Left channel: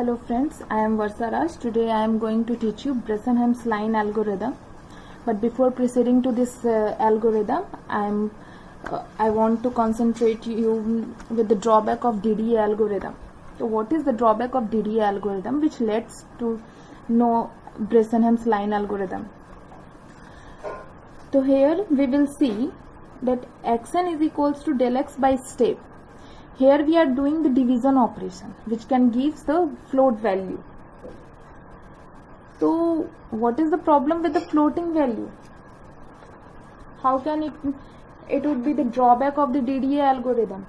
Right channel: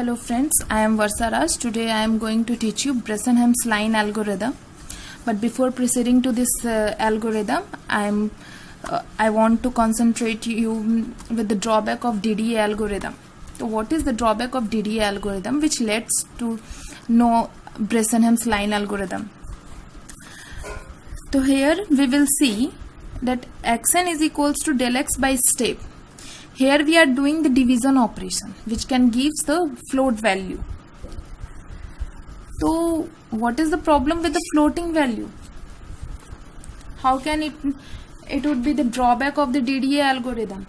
Hello friends, I am Varsa Raj. Today I am going to teach you Bresenham's line algorithm. But before proceeding to this algorithm, I want to concentrate you with the drawback of DDA algorithm. So what is the drawback of DDA algorithm which leads to know Bresenham's line algorithm? So here we will see that xn is equals to del x by step. Here we are doing the division operation which can gives the float value. So what is the problem with the floating value? How can it would be the drawback of the DDA algorithm?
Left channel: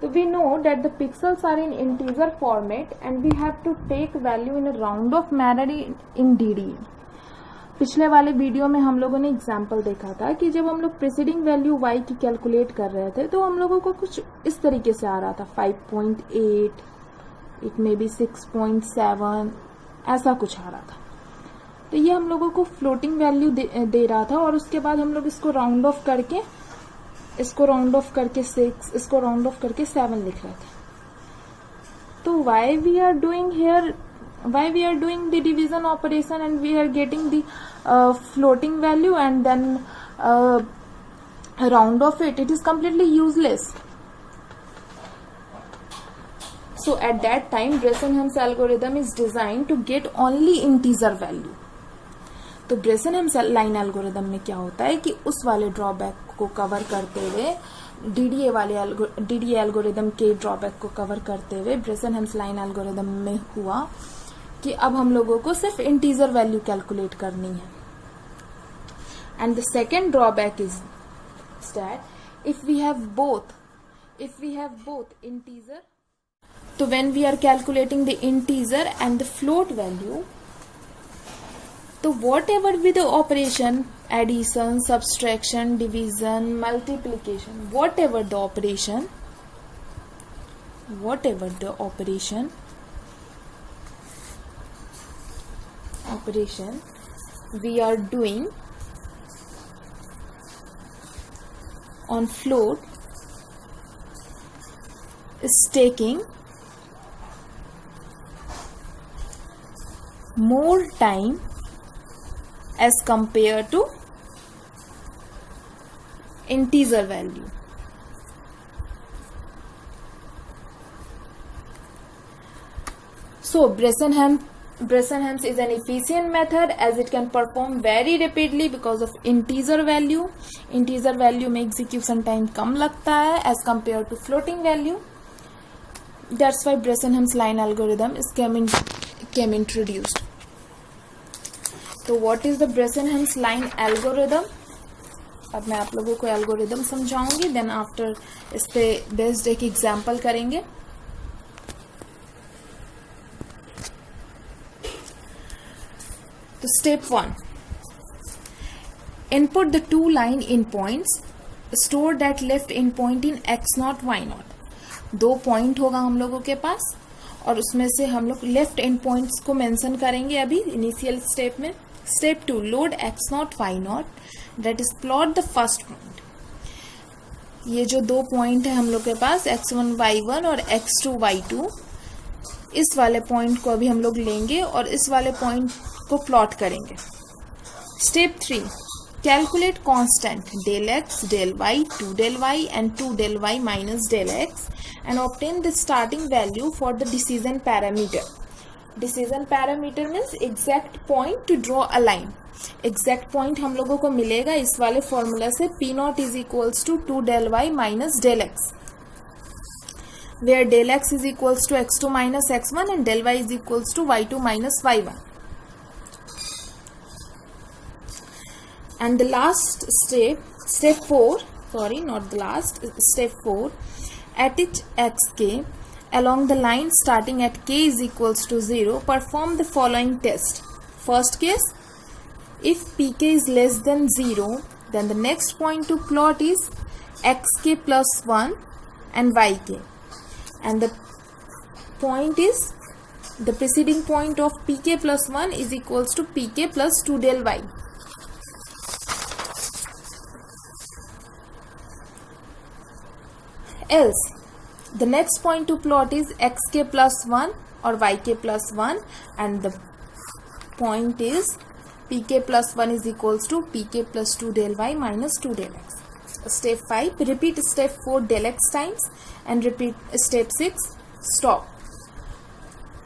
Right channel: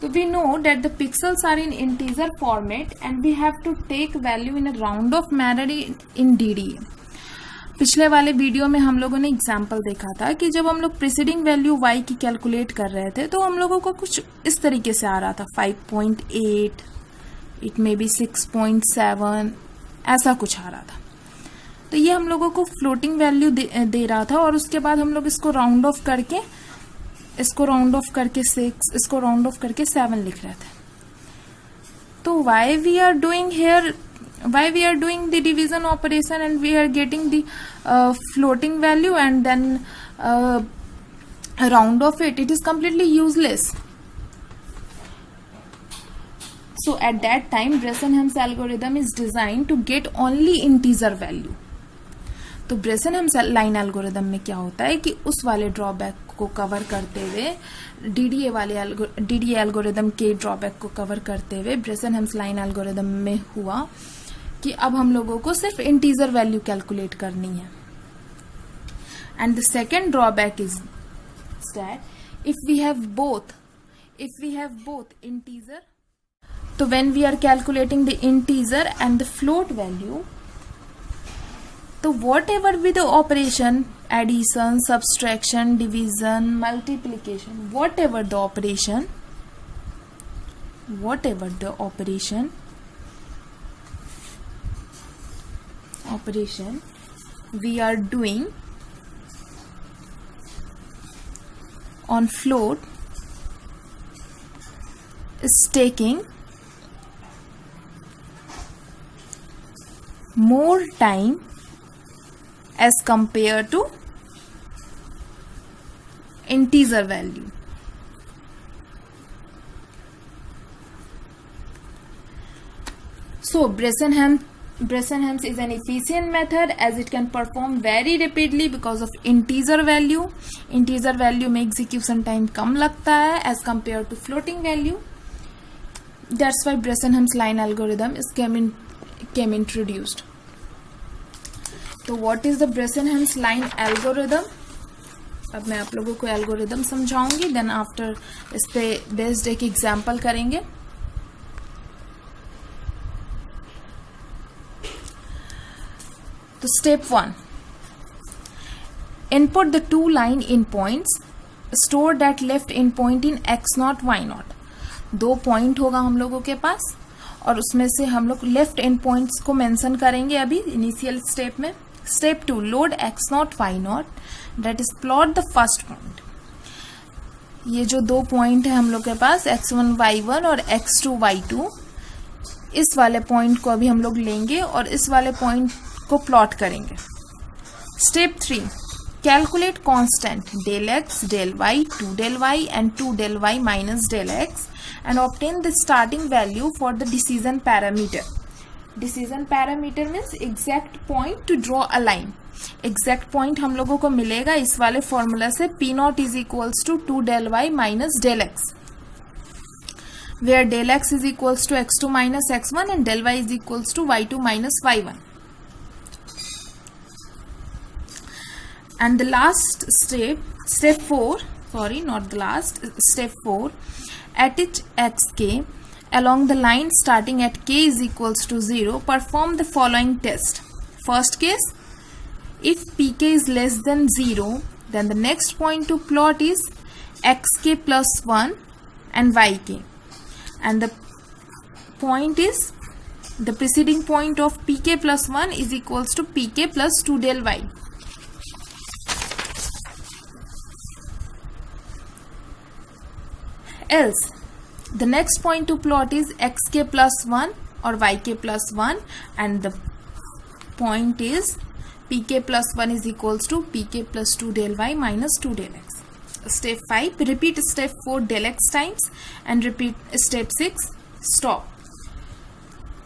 So we know that the pixels are in integer format and we have to take value in a round off manner in DDA. पिछले वाले video में हम लोगों ने example देखा था कि जब हम लोग प्रीसीडिंग वैल्यू y की कैलकुलेट कर रहे थे तो हम लोगों को कुछ इस तरीके से आ रहा था 5.8, इट मे बी 6.7, ऐसा कुछ आ रहा था. तो ये हम लोगों को फ्लोटिंग वैल्यू दे रहा था और उसके बाद हम लोग इसको राउंड ऑफ करके 6, इसको राउंड ऑफ करके 7 लिख रहे थे. तो why we are doing the division operation and we are getting the floating value and then round of it is completely useless. So at that time Bresenham's algorithm is designed to get only integer value. तो Bresenham's line algorithm में क्या होता है कि उस वाले drawback को cover करते हुए DDA एल्गोरिदम के ड्रॉबैक को कवर करते हुए Bresenham's line algorithm में हुआ कि अब हम लोगों को सिर्फ इंटीजर वैल्यू कैलकुलेट करनी है. And the second drawback is that if we have both integer, तो when we are calculating the integer and the float value, तो whatever be the operation, addition, subtraction, division, multiplication, whatever the operation we are doing on float is taking more time as compared to integer value. So Bresenham's is an efficient method as it can perform very rapidly because of integer value. Integer value में execution time कम लगता है as compared to floating value. That's why Bresenham's line algorithm came introduced. तो what is the Bresenham's line algorithm? अब मैं आप लोगों को algorithm समझाऊंगी, then after इस पे बेस्ड एक एग्जाम्पल करेंगे. तो step 1, input the two line endpoints, store that left endpoint in x0 y0. 2 point होगा हम लोगों के पास और उसमें से हम लोग लेफ्ट एंड पॉइंट्स को मेंशन करेंगे अभी इनिशियल स्टेप में. Step 2, load x0 y0, that is plot the first point. ये जो 2 पॉइंट है हम लोग के पास x1 y1 और x2 y2, इस वाले पॉइंट को अभी हम लोग लेंगे और इस वाले पॉइंट को प्लॉट करेंगे. Step 3, calculate constant del x, del y, 2 del y and 2 del y minus del x and obtain the starting value for the decision parameter. Decision parameter means exact point to draw a line. Exact point हम लोगों को मिलेगा इस वाले formula से, P naught is equals to 2 del y minus del x, where del x is equals to x2 minus x1 and del y is equals to y2 minus y1. And the last step 4, step 4, at each xk along the line starting at k is equals to 0, perform the following test. First case, if pk is less than 0, then the next point to plot is xk plus 1 and yk. And the point is, the preceding point of pk plus 1 is equals to pk plus 2 del y. Else, the next point to plot is xk plus 1 और yk plus 1 and the point is pk plus 1 is equals to pk plus 2 del y minus 2 del x. Step 5, repeat step 4 del x times and repeat step 6, stop.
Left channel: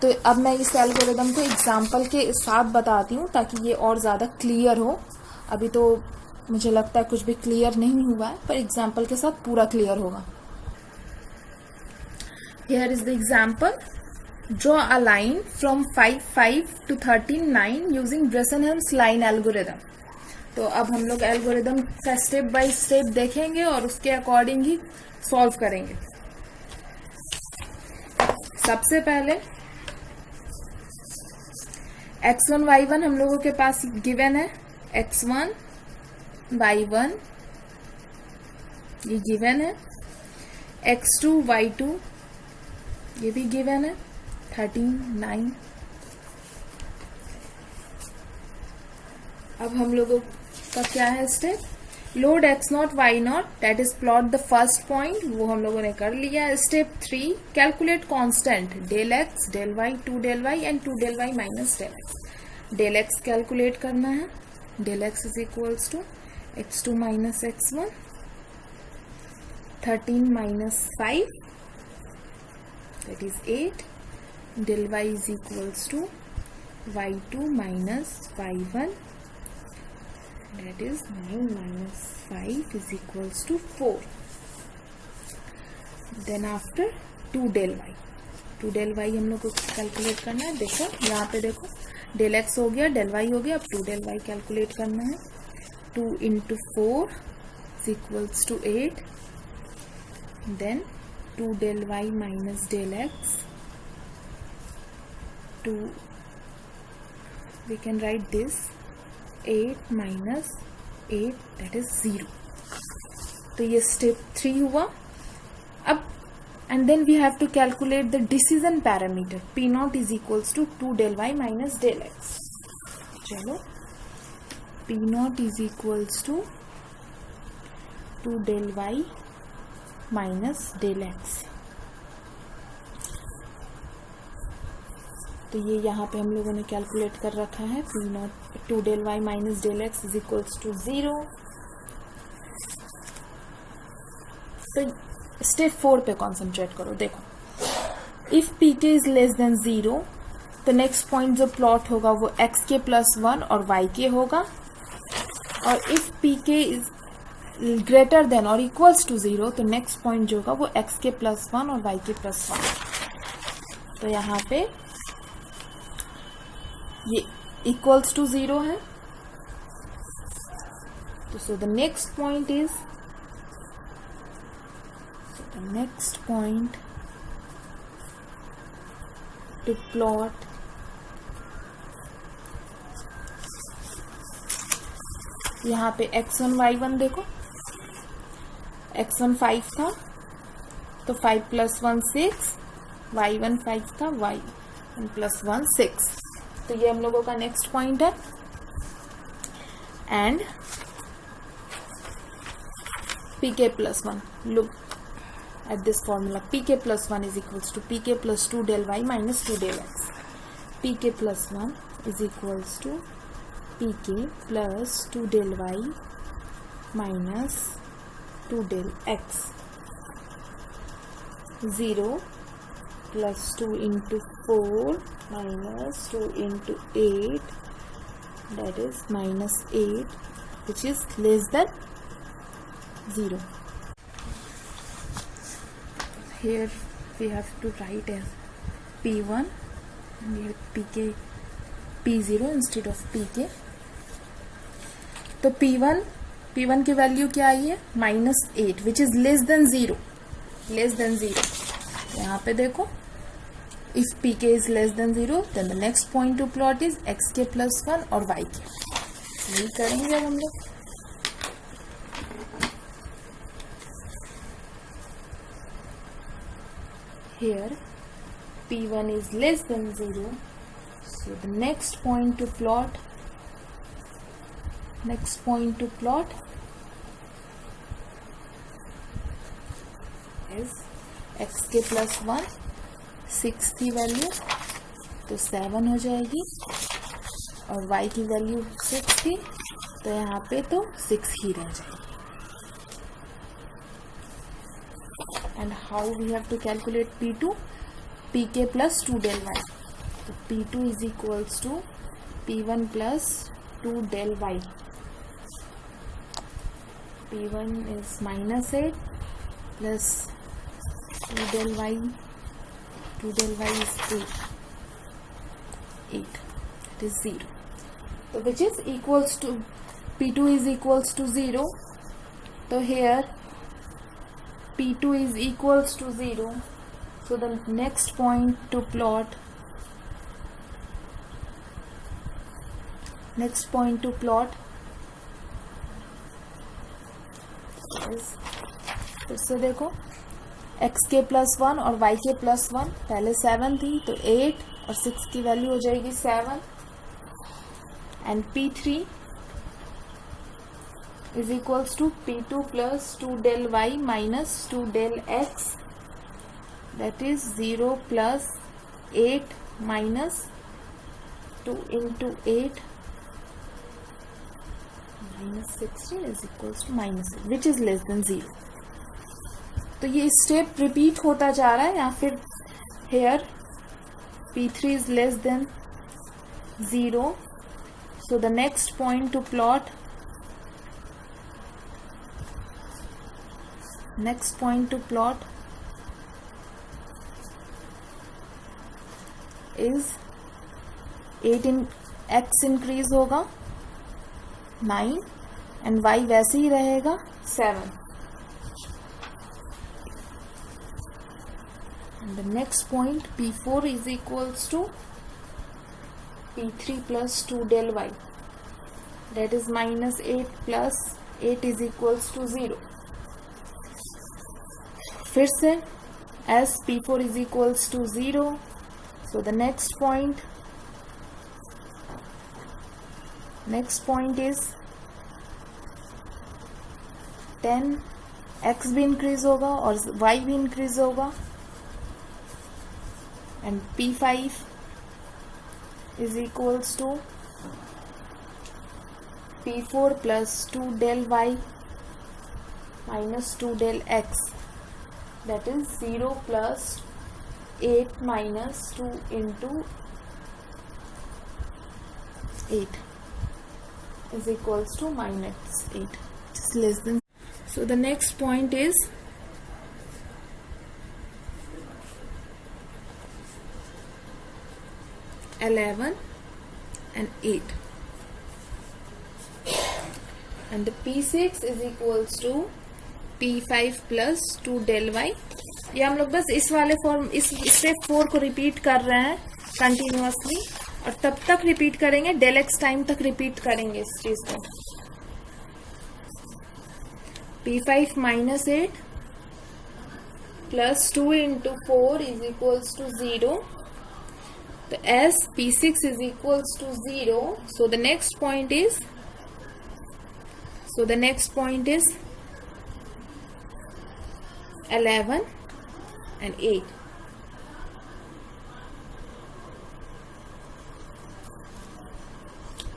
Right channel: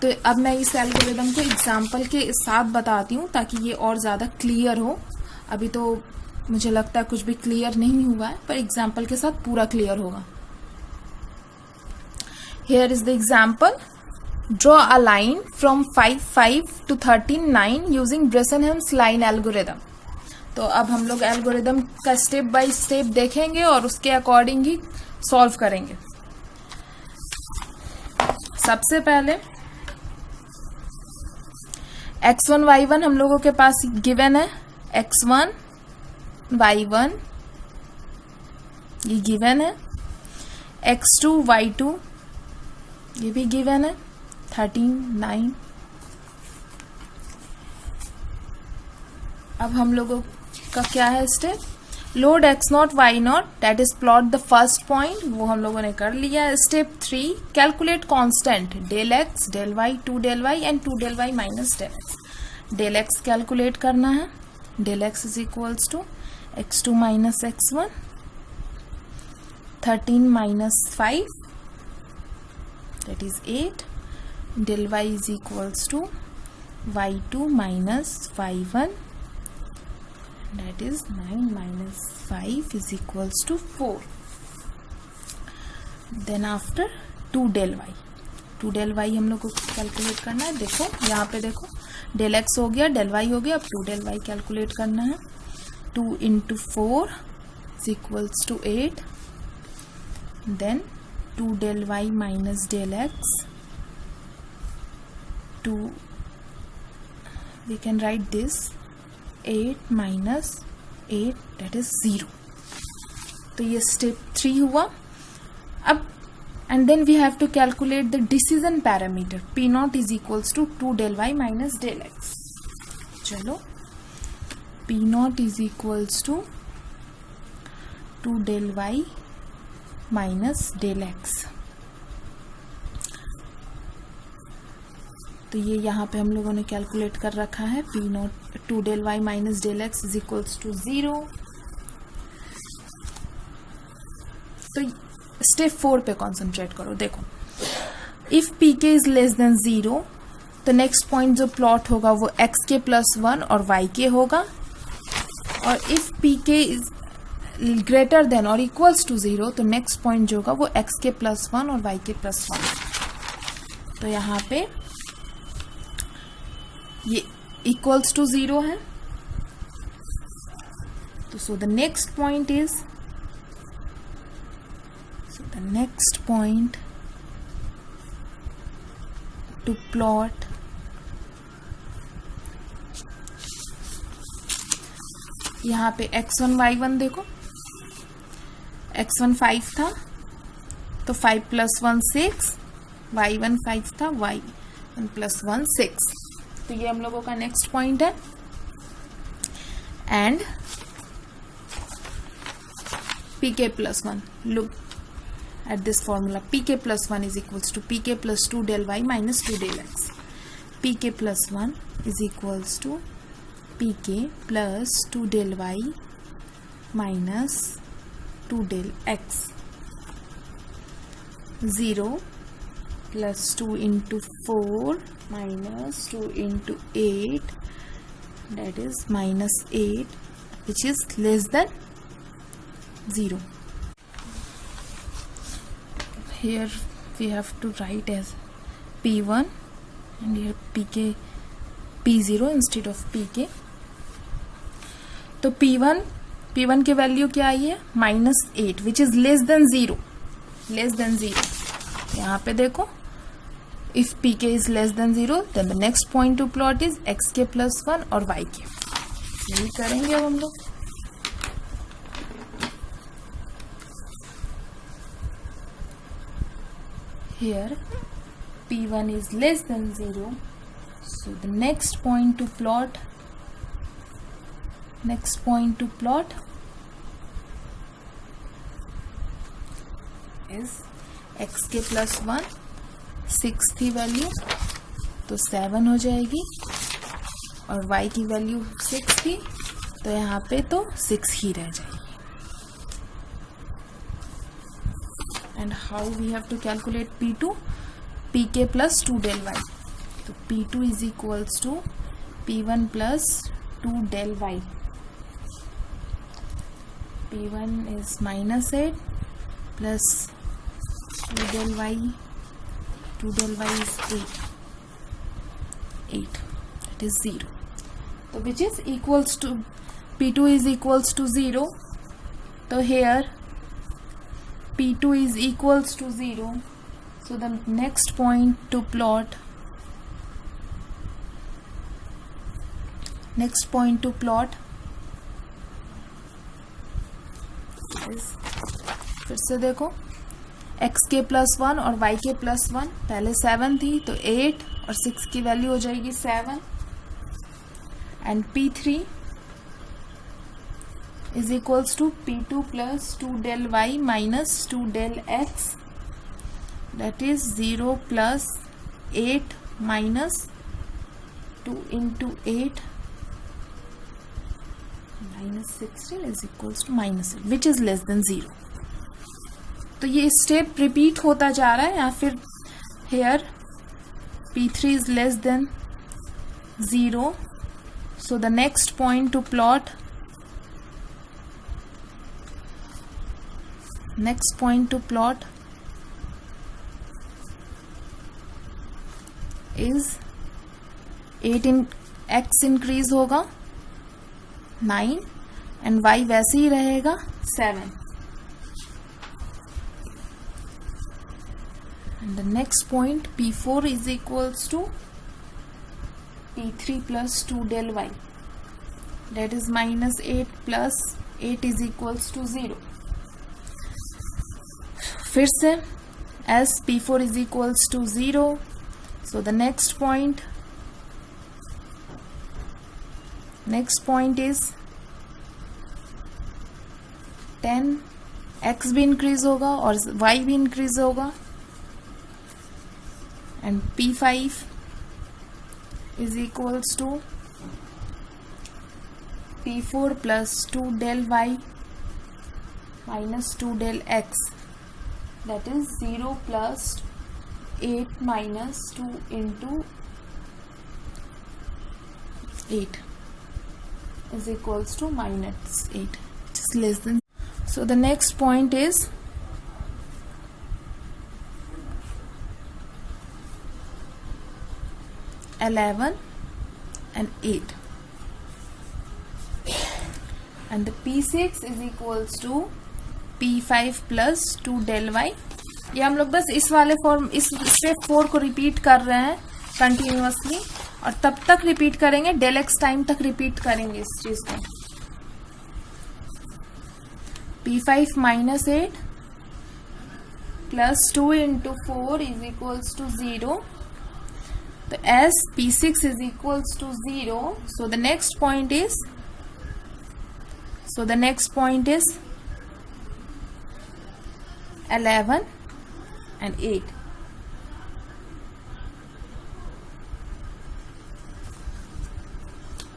तो अब मैं इस algorithm को example के साथ बताती हूँ ताकि ये और ज़्यादा क्लियर हो. अभी तो मुझे लगता है कुछ भी क्लियर नहीं हुआ है, पर एग्जाम्पल के साथ पूरा क्लियर होगा. Here is the example. Draw a line from 5 to 13 using Bressenham's line algorithm. तो अब हम लोग एल्गोरिदम का स्टेप बाय स्टेप देखेंगे और उसके अकॉर्डिंग ही सॉल्व करेंगे. सबसे पहले x1 y1 हम लोगों के पास गिवन है. x1 y1 ये गिवन है. x2 y2 ये भी गिवन है. 13 9. अब हम लोगों का क्या है step? Load x0 y0 that is plot the first point, वो हम लोगों ने कर लिया. Step 3, calculate constant del x del y 2 del y and 2 del y minus del x. Del x calculate करना है. Del x is equals to x2 minus x1 13 minus 5 that is 8. Del y is equals to y2 minus y1 that is 9 minus 5 is equals to 4. Then after 2 del y. 2 del y हम लोग को calculate करना है. देखो यहाँ पे देखो del x हो गया, del y हो गया. अब 2 del y कैलकुलेट करना है. 2 into 4 is equals to 8. Then 2 del y minus del x. 2 we can write this 8 minus 8 that is 0. तो ये step 3 हुआ. अब and then we have to calculate the decision parameter. P naught is equals to 2 del y minus del x. चलो P naught is equals to 2 del y minus del x. तो ये यहाँ पे हम लोगों ने कैलकुलेट कर रखा है. P naught 2 del y minus del x is equals to 0. तो स्टेप 4 पे कॉन्सेंट्रेट करो. देखो if pk is less than 0 तो नेक्स्ट पॉइंट जो प्लॉट होगा वो xk प्लस 1 और yk होगा. और if pk is greater than और इक्वल्स टू 0 तो नेक्स्ट पॉइंट जो होगा वो xk प्लस 1 और yk प्लस 1. तो यहाँ पे ये इक्वल्स टू 0 है. तो so the next point is the next point to plot यहाँ पे x1 y1 देखो. x1 5 था तो 5 प्लस 1 6. y1 5 था, y1 प्लस 1 6. तो ये हम लोगों का नेक्स्ट पॉइंट है. And pk plus 1. Look at this formula, pk plus 1 is equals to pk plus 2 del y minus 2 del x. pk plus 1 is equals to pk plus 2 del y minus 2 del x. 0 plus 2 into 4 minus 2 into 8 that is minus 8 which is less than 0. Here we have to write as P1 and here pk P0 instead of pk. तो P1 की value क्या आई है? -8 which is less than 0. Less than 0. यहाँ पे देखो if pk is less than 0 then the next point to plot is xk plus 1 और yk. यही करेंगे अब हम लोग. Here P1 is less than 0, so the next point to plot is xk plus 1. 6 थी वैल्यू. तो 7 हो जाएगी, और y की वैल्यू 6 थी तो यहाँ पे तो 6 ही रह जाएगी. And how we have to calculate P2? pk plus 2 del y. तो P2 is equals to P1 plus 2 del y. P1 is -8 plus 2 del y. 2 del y is 8. That is 0. So which is equals to P2 is equals to 0. So here P2 is equals to 0. So the next point to plot फिर से देखो x के +1 और y के +1. पहले 7 थी तो 8 और 6 की वैल्यू हो जाएगी 7. And P3 is equals to P2 plus 2 del y minus 2 del x. That is 0 plus 8 minus 2 into 8 minus 16 is equals to -8, which is less than 0. तो ये स्टेप रिपीट होता जा रहा है, या फिर hair P3 is less than 0. So the next point to plot is 8 in x increase होगा 9 and y वैसे ही रहेगा 7. And the next point P4 is equals to P3 plus 2 del y. That is -8 plus 8 is equals to 0. फिर से as P4 is equals to 0. So the next point is 10. x भी increase होगा और y भी increase होगा. And P5 is equals to P4 plus 2 del y minus 2 del x. That is 0 plus 8 minus 2 into 8 is equals to -8, which is less than. So the next point is (11) and 8, and the P6 is equals to P5 plus 2 del y. ये हम लोग बस इस वाले form, इस step 4 को repeat कर रहे हैं कंटिन्यूअसली, और तब तक रिपीट करेंगे, del x टाइम तक रिपीट करेंगे इस चीज को. P5 -8 plus 2 into 4 is equals to 0. So as P6 is equals to 0, so the next point is 11 and 8.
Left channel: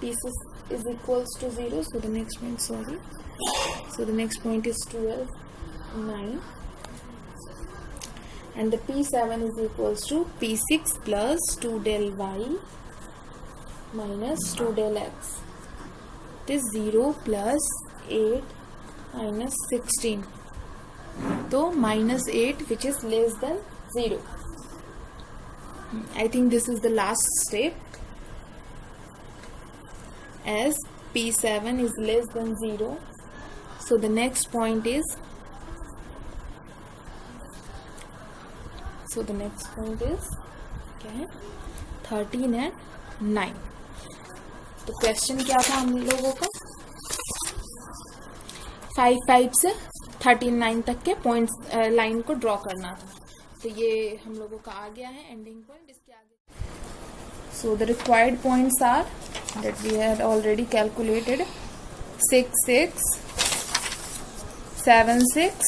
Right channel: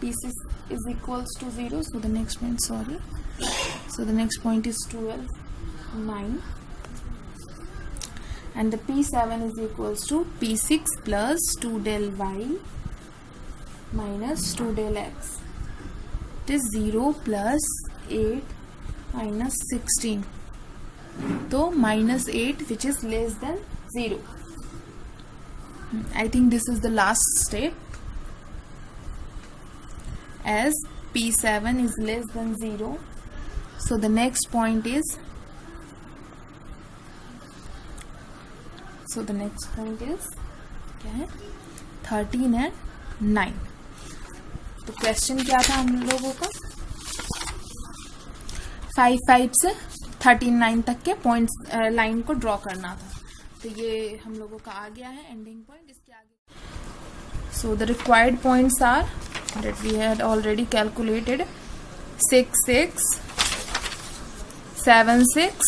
P6 is equals to 0, so the next point, so the next point is 12, 9. And the P7 is equals to P6 plus 2 del y minus 2 del x. It is 0 plus 8 minus 16. So -8, which is less than 0. I think this is the last step. As P7 is less than 0, so the next point is 13 and 9. तो question क्या था हम लोगों का? 5 से 13 तक के points line को ड्रॉ करना था. तो ये हम लोगों का आ गया है एंडिंग पॉइंट. इसके आगे so the required points are that we had already calculated. 6 6 7 6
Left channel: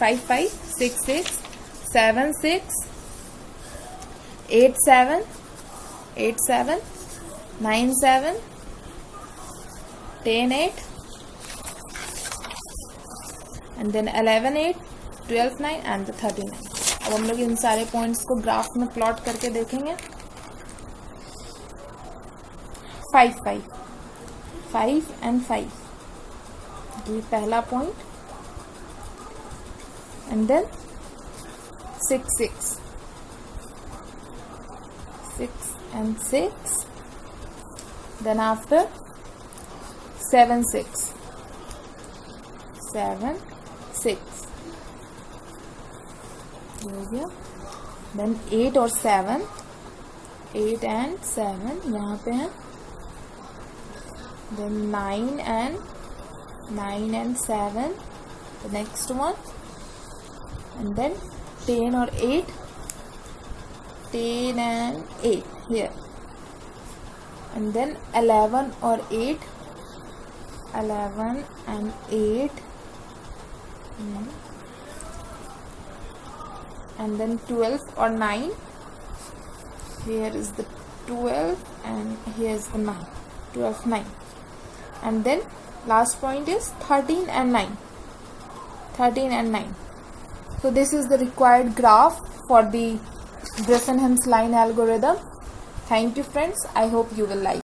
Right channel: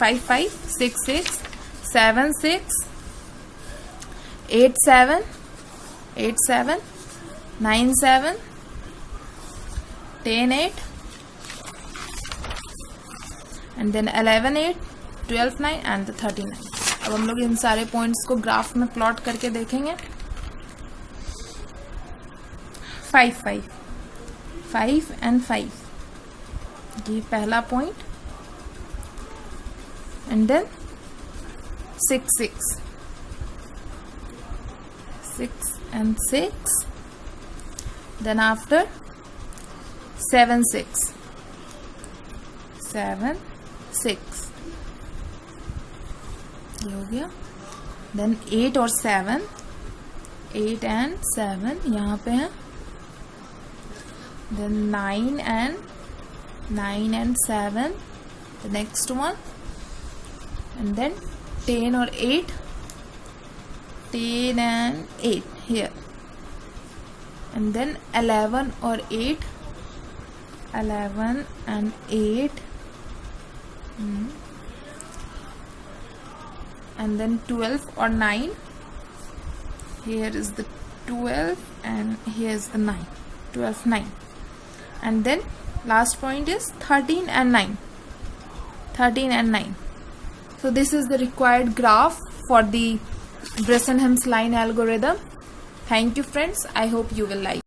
5 5 6 6 7 6 8 7, 8 7, 9 7, 10 8, and then 11 8, 12 9 and the 39. अब हम लोग इन सारे पॉइंट्स को ग्राफ में प्लॉट करके देखेंगे. 5 5, 5 and 5, ये पहला point. And then 6 6, 6 and 6. Then after 7 6, 7 6, ये हो गया. देन 8 और 7, 8 and 7 यहाँ पे है. Then 9 and 7, the next one, and then 10 or 8, 10 and 8 here, and then 11 or 8, 11 and 8, and then 12 or 9, here is the 12 and here is the 9, 12 9, and then last point is 13 and 9, 13 and 9. So this is the required graph for the Bressenham's line algorithm. Thank you friends, I hope you will like.